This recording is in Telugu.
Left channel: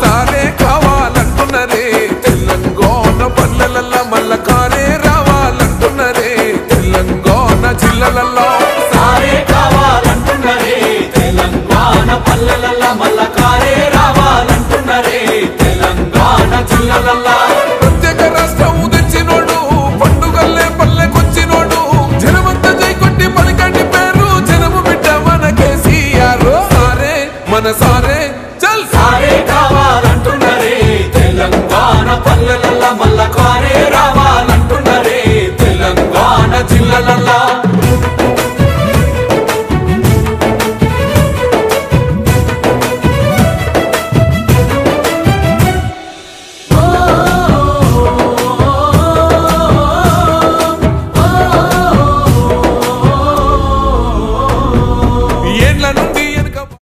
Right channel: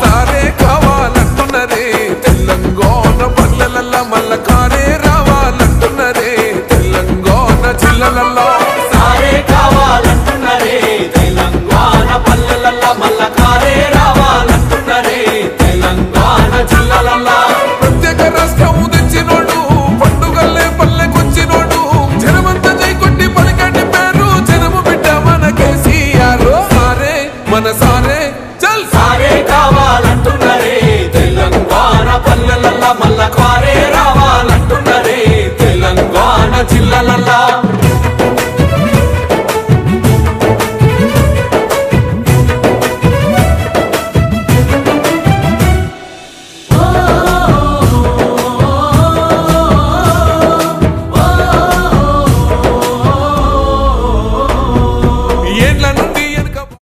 సారే కావాలంటున్నరే తెలంగాణ పల్లెలల్లా మల్ల కారే రావాలంటున్నరే తెలంగాణ జిల్లాలల్లో సారే కావాలంటున్నరే తెలంగాణ పల్లెలల్లా మల్ల కారే రావాలంటున్నరే తెలంగాణ జిల్లాలల్లో ప్రత్యేక రాష్ట్రం తెచ్చినోడు పండుగల్లే పల్లెకొచ్చినోడు జనమంతా జై కొట్టి పలికండి పేరు జనము బిడ్డ మన కేసీఆర్ సారే మన సారే